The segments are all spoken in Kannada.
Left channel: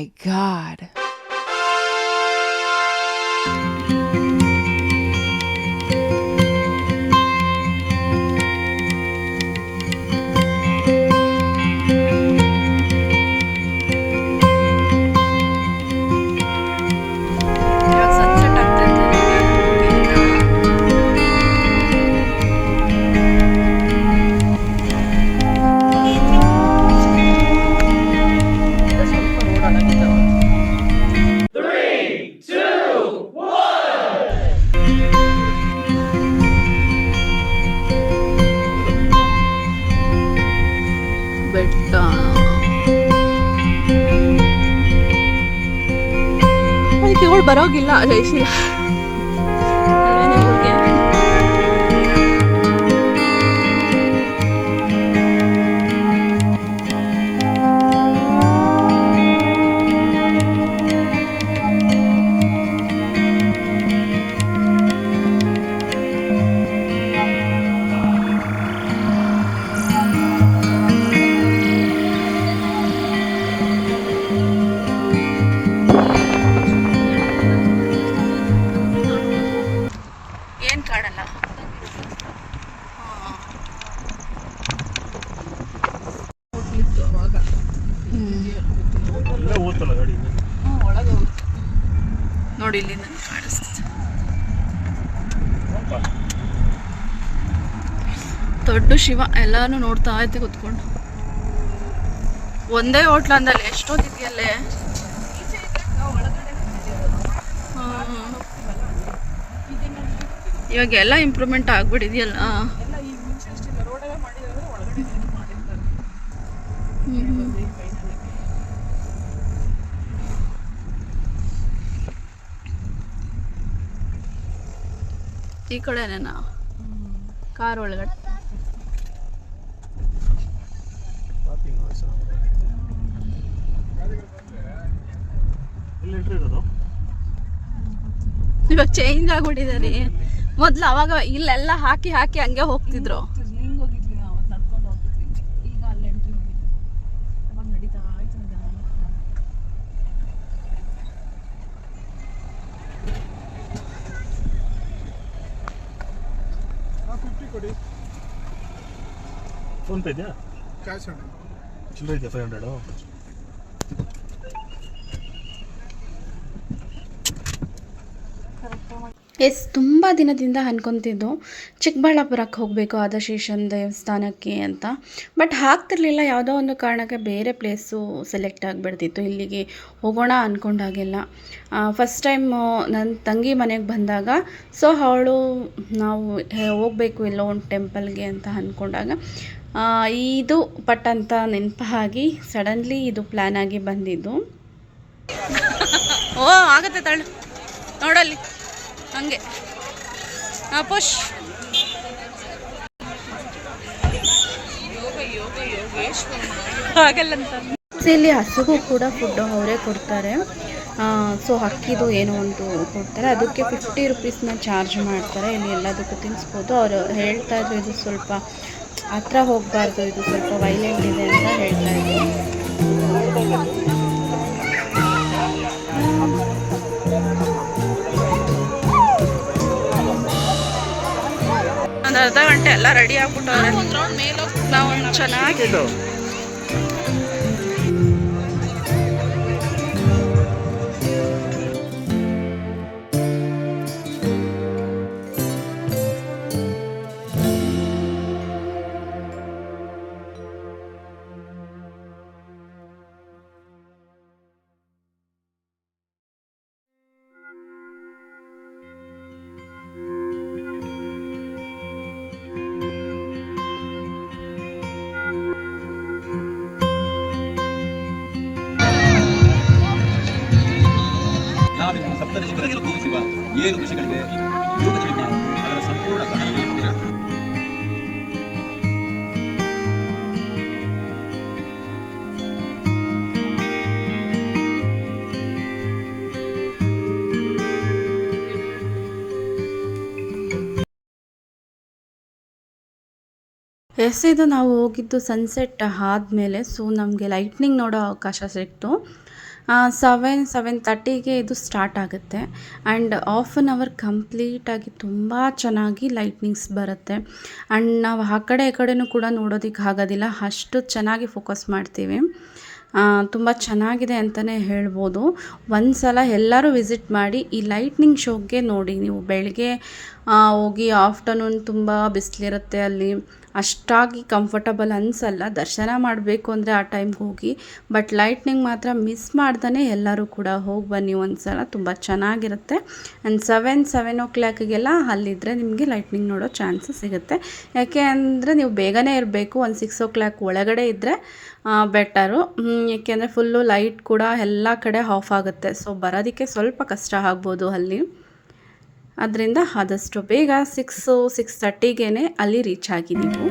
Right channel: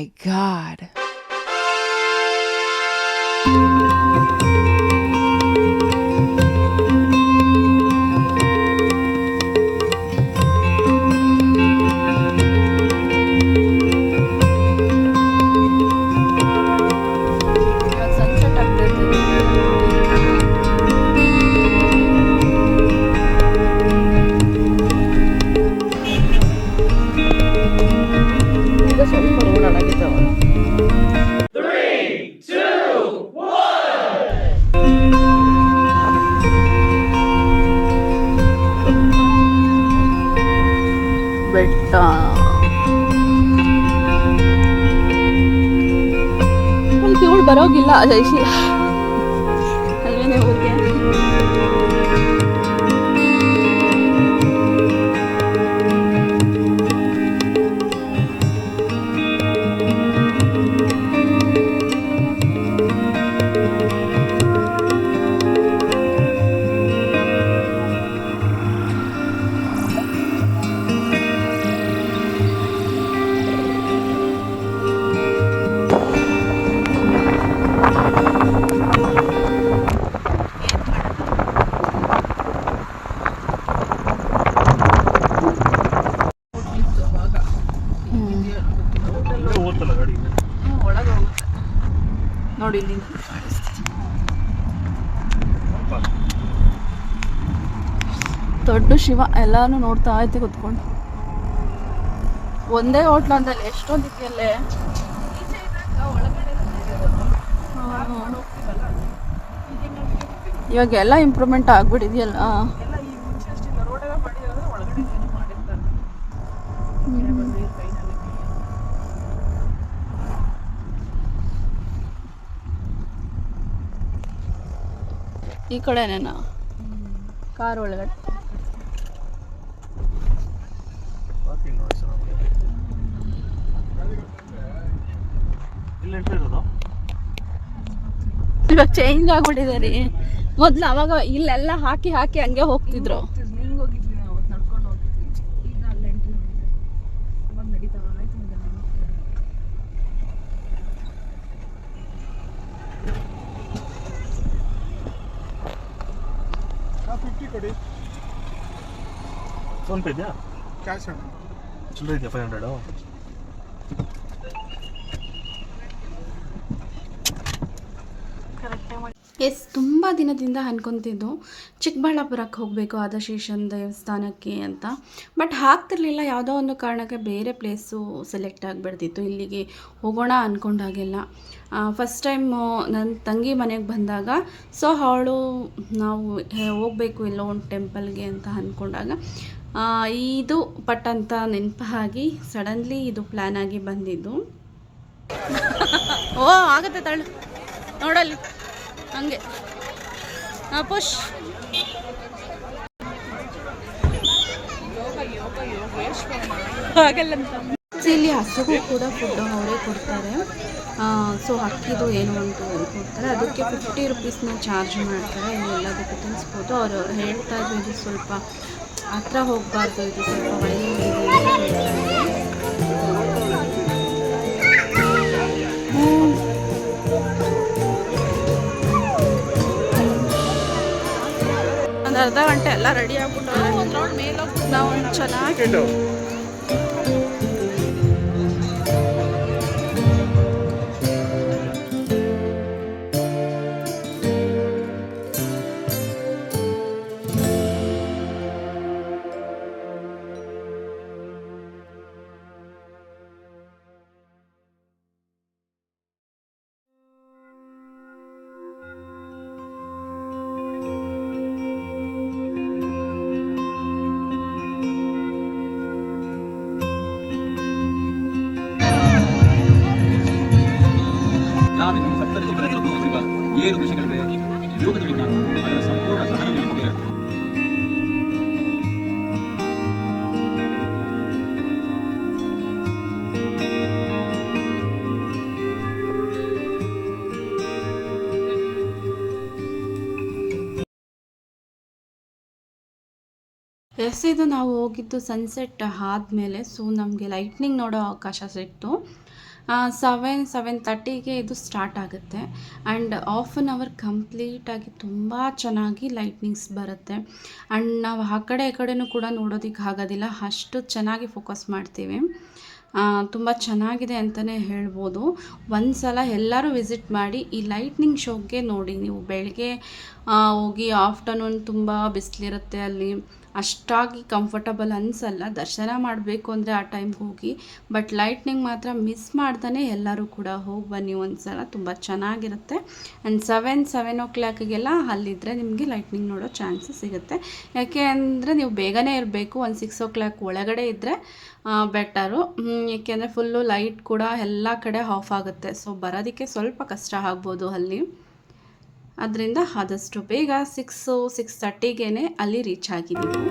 my God. ಇವಾಗ ಸನ್ಸೆಟ್ ಆಗ್ತೈತೆ ಬೆಟ್ಟ. ಇವಳು ಬರೋಗಿಲ್ಲ ಜಯಶೀಲ ಅಲ್ವೇನೆ ಊರಿಗೆ. ನೋಡಿ ಇಲ್ಲಿಂದ ಕಾಣಿಸ್ತದೆ ದೊಡ್ಡ ಶಿವ. ಎಲ್ಲಾನು ನೋಡ್ತಾ ಐತೆ ಕುತ್ಕೊಂಡು. ಒಂದೇ ಹೋಟ್ಲ ಅಂದಲ್ಲಿ ಎಷ್ಟೊಂದಿದೆಯಲ್ಲೇ. ಇವಾಗ ಎಲ್ಲ ಇಂಪ್ರೂವ್ಮೆಂಟ್ ಆಗ್ಬಿಟ್ಟಿದೆಯಲ್ಲ. ಈ ಕಡೆನೇನಾ ಕಾರ್ ಒಳಗಡೆ. ಇವಾಗ ಚೇಂಜ್ ಆಗ್ಬಿಟ್ಟಿದೆ. ಮೊದ್ಲು ಅವಾಗ ಇಲ್ಲೆಲ್ಲ ಹಾಕಿ ಹಾಕಿ ಹಂಗೆ ಹೋಗ್ತಿದ್ರು. ಫೋನ್ ಪೇ ಇದೆಯಾ? ಕ್ಯಾಶ್ ಚಿಲ್ಲರೆ ಇದೆಯಾ? 500. ಎಸ್, ತುಂಬ ದಿನದಿಂದ ಅನ್ಕೊತಿದ್ದು ಚಿಕ್ಕಬಳ್ಳಾಪುರಕ್ಕೆ ಹೋಗಬೇಕು ಆದಿಶೇಷನ್ ದೇವಸ್ಥಾನಕ್ಕೆ ಅಂತ. ಬಟ್ ಆಗ್ತಿರ್ಲಿಲ್ಲ. ಯಾವುದೋ ಒಂದು ಕಾರಣಕ್ಕೆ ಬೇರೆ ಪ್ಲೇಸು ಸೆಲೆಕ್ಟ್ ಆಗಿಬಿಡ್ತಿತ್ತು. ಇಲ್ಲಿಗೆ ಹೋಗೋಣ ಅಂದ್ಕೊಂಡಾಗೆಲ್ಲ ಫಸ್ಟ್ ಟೈಮು ನನ್ನ ತಂಗಿ ಮನೆಗೆ ಬಂದಾಗ ಅವಳು ನಾವು ಹೋಗಬೇಕು ಎಲ್ಲೋ ಒಂದು ಟೆಂಪಲ್ಗೆ ಅಂತ ಅಂದ್ಕೊಂಡಾಗ ಇದು ಪಟ್ಟಂತ ನೆನಪಾಗಿ ಸಡನ್ಲಿ ಇದು ಪ್ಲ್ಯಾನ್ ಆಗಿ ಬಂದಿದ್ದು. ಓ ಆಗುತ್ತೆ ತಳ್ಳು ನೋಡಲ್ಲಿ ಹಂಗೆ ಪುಷ್. ಹಾಗಲ್ಲಂತ ಇಲ್ಲಿ ಹಸುಗೂ ಕೂಡ ಫುಡ್ಡು ಅವರೇ ಕೊಡ್ತಾರೆ. ಸೊ ಅಕ್ಕಿದು ಏನೋ ಒಂದು ಕೊಡ್ತಾರೆ, ಅದಕ್ಕೆ 50 ರೂಪೀಸ್ನ ಚಾರ್ಜ್ ಮಾಡ್ತಾರೆ. ಇಲ್ಲಿ ಎಲ್ಲದಕ್ಕೂ ತಿನ್ನಿಸ್ಬೋದು. ಅವರು ಹೇಳ್ತಾ ಇದ್ರು ಇದು ಸ್ವಲ್ಪ ಹತ್ರ ಹೋಗಬಾರ್ದು, ಇದು ಸ್ವಲ್ಪ ವೈಲೆಂಟ್ ಇದೆ ಅಂತ ಹೇಳ್ತಾ ಇದ್ರು. ಒಂದು ಅರ್ಧ ಗಂಟೆ ಎಲ್ಲ ರೆಡಿ ಆಗ್ಬಿಟ್ಟವ್ರೆ. ನಾವು ಚೆನ್ನಾಗಿ ಇದು ನಾವು ಹೋಗಿದ್ದು ಸನ್ಸೆಟ್ ಆದಮೇಲೆ. ಸೊ ನಮಗೆ ಲೈಟ್ನಿಂಗ್ ನೋಡೋ ಅವಕಾಶ ಸಿಕ್ತು. 7:30ಗೆ ಇದು ಸ್ಟಾರ್ಟ್ ಆಗುತ್ತೆ ಆ್ಯಂಡ್ ಹಾಫ್ ಆನ್ ಅವರ್ ಕಂಪ್ಲೀಟಾಗಿ ತುಂಬ ಚೆನ್ನಾಗಿ ಲೈಟ್ನಿಂಗ್ಸ್ ಬರುತ್ತೆ ಆ್ಯಂಡ್ ನಾವು ಆ ಕಡೆ ಈ ಕಡೆನೂ ಕೂಡ ನೋಡೋದಕ್ಕೆ ಆಗೋದಿಲ್ಲ, ಅಷ್ಟು ಚೆನ್ನಾಗಿ ಫೋಕಸ್ ಮಾಡ್ತೀವಿ. ತುಂಬ ಚೆನ್ನಾಗಿದೆ ಅಂತಲೇ ಹೇಳ್ಬೋದು. ಒಂದು ಸಲ ಎಲ್ಲರೂ ವಿಸಿಟ್ ಮಾಡಿ ಈ ಲೈಟ್ನಿಂಗ್ ಶೋಗೆ ನೋಡಿ. ನೀವು ಬೆಳಗ್ಗೆ ಹೋಗಿ ಆಫ್ಟರ್ನೂನ್ ತುಂಬ ಬಿಸಿಲಿರುತ್ತೆ, ಅಲ್ಲಿ ಅಷ್ಟಾಗಿ ಕಂಫರ್ಟಬಲ್ ಅನಿಸಲ್ಲ. ದರ್ಶನ ಮಾಡಬೇಕು ಅಂದರೆ ಆ ಟೈಮ್ಗೆ ಹೋಗಿ, ಬಟ್ ಲೈಟ್ನಿಂಗ್ ಮಾತ್ರ ಮಿಸ್ ಮಾಡ್ದೇ ಎಲ್ಲರೂ ಕೂಡ ಹೋಗಿ ಬನ್ನಿ ಒಂದು ಸಲ, ತುಂಬ ಚೆನ್ನಾಗಿರುತ್ತೆ. ಆ್ಯಂಡ್ 7 ಅಲ್ಲಿದ್ದರೆ ನಿಮಗೆ ಲೈಟ್ನಿಂಗ್ ನೋಡೋ ಚಾನ್ಸಸ್ ಸಿಗುತ್ತೆ. ಯಾಕೆ ಅಂದರೆ ನೀವು ಬೇಗನೆ ಇರಬೇಕು, ಒಂದು 6 ಒಳಗಡೆ ಇದ್ದರೆ ಬೆಟರು. ಏಕೆಂದರೆ ಫುಲ್ಲು ಲೈಟ್ ಕೂಡ ಎಲ್ಲ ಕಡೆ ಆಫ್ ಆಗುತ್ತೆ, ಸೊ ಬರೋದಕ್ಕೆ ಸ್ವಲ್ಪ ಕಷ್ಟ ಆಗ್ಬೋದು ಅಲ್ಲಿ. ಅದರಿಂದ ಆದಷ್ಟು ಬೇಗ 6:30ಗೆ ಅಲ್ಲಿ ರೀಚ್ ಆಗಿ ನೀವು.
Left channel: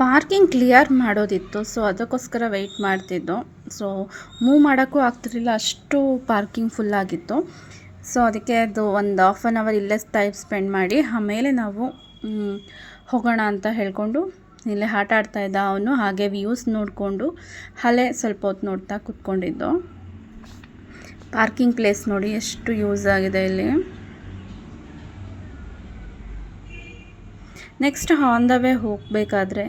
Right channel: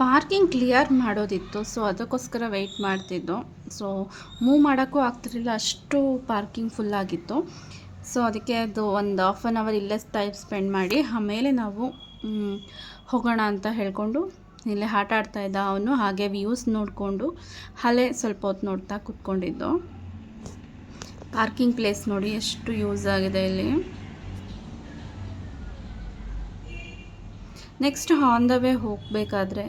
ಪಾರ್ಕಿಂಗ್ ಕ್ಲಿಯರ್ ಮಾಡೋದಿತ್ತು, ಸೊ ಅದಕ್ಕೋಸ್ಕರ ವೆಯ್ಟ್ ಮಾಡ್ತಿದ್ದು. ಸೊ ಮೂವ್ ಮಾಡೋಕ್ಕೂ ಆಗ್ತಿರಲಿಲ್ಲ, ಅಷ್ಟು ಪಾರ್ಕಿಂಗ್ ಫುಲ್ಲಾಗಿತ್ತು. ಸೊ ಅದಕ್ಕೆ ಅದು ಒಂದು ಹಾಫ್ ಆನ್ ಅವರ್ ಇಲ್ಲೇ ಟೈಮ್ ಸ್ಪೆಂಡ್ ಮಾಡಿ ಆಮೇಲೆ ನಾವು ಹೋಗೋಣ ಅಂತ ಹೇಳ್ಕೊಂಡು ಇಲ್ಲೇ ಆಟ ಆಡ್ತಾಯಿದ್ದ ಅವನು. ಹಾಗೆ ವ್ಯೂಸ್ ನೋಡಿಕೊಂಡು ಅಲ್ಲೇ ಸ್ವಲ್ಪ ಹೊತ್ತು ನೋಡ್ತಾ ಕೂತ್ಕೊಂಡಿದ್ದು. ಪಾರ್ಕಿಂಗ್ ಪ್ಲೇಸ್ ನೋಡಿ ಎಷ್ಟು ಯೂಸ್ ಆಗಿದೆ ಇಲ್ಲಿ. ನೆಕ್ಸ್ಟ್ ಆನ್ ದ ವೇ ಹೋಗಬೇಕಾದ್ರೆ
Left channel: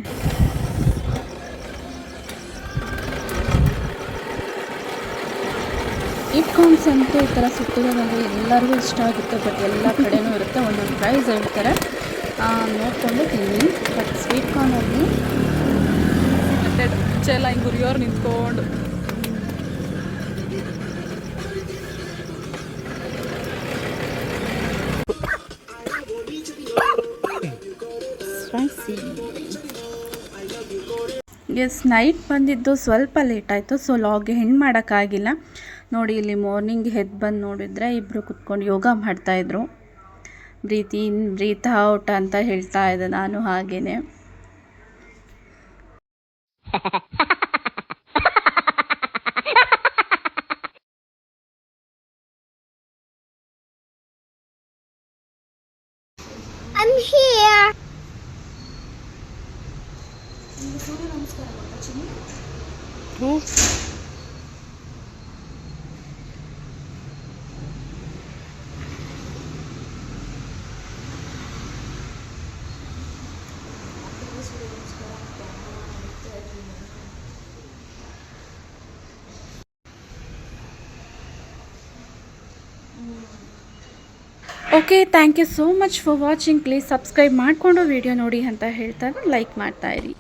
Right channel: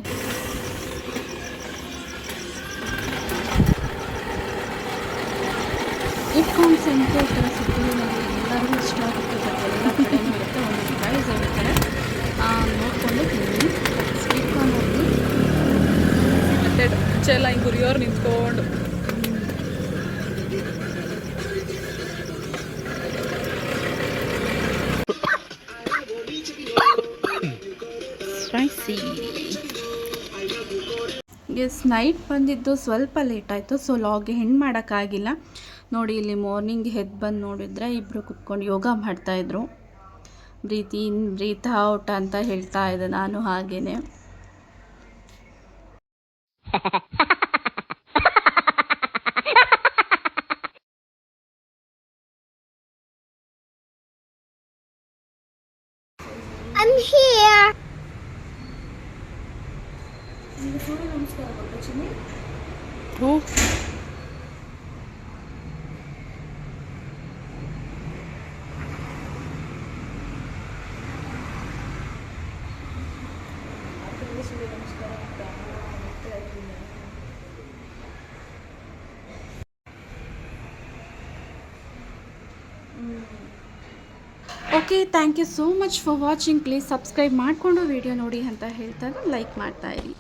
ಇಟ್ಕಾನ್ಸ್ ಅಂತೂ ಈ ಥರ ಸುತ್ತಿರೋದಂದರೆ ಎಲ್ಲರಿಗೂ ಇಷ್ಟ ಆಗುತ್ತೆ. ಬಟ್ ಎಲ್ಲ ಕಡೆನೂ ಇರುತ್ತೆ, ಒಂದೊಂದು ಪ್ರೈಸ್ ಹೇಳ್ತಾರೆ, ನೋಡಿಕೊಂಡು ತಿನ್ನಿ. ಬಟ್ ಸ್ವೀಟ್ ಕಾರ್ನ್ ಹೋಗಿ ಮುಂಚೆ ಎಲ್ಲ ಹಿಂಗೆ ಗುರಿಯೋರು ನಿಂತ್ಕೊಂಡು ಸ್ಪೈಸಿ. ಎಸ್, ನೈಟ್ ಬಂದಿದ್ದು ಸ್ವಲ್ಪ ಲೇಟ್ ಆಯಿತು, ಸೊ ಲಾಗ್ಗೆ ಹೆಣ್ಣು ಮಾಡೋಕ್ಕಾಗಿಲ್ಲ. ನೋಡಿ ಇಲ್ಲಿ ಮಾರ್ನಿಂಗ್ ಎದ್ದು ಬಂದು ನೋಡಿದರೆ ಇಬ್ಬರು ಕುತ್ಕೊಂಡು ಯೋಗ ಮಾಡ್ತಾಯಿದ್ರು. ಬ್ರೀತ್ ಇನ್ ಬ್ರೀತ್ ಔಟ್ ಅಂತ ಹೇಳ್ತಾ ಇದ್ದೆ ನಾನು ಹಾಗೇನೆ. I'm here. Okay, thank you so much for watching. Please subscribe ಮಾಡಿಕೊಂಡು ವಿಡಿಯೋ ನೋಡಿ ಅಂತ ಹೇಳ್ತಾರೆ, ಲೈಕ್ ಮಾಡ್ತಾಯಿರಿ.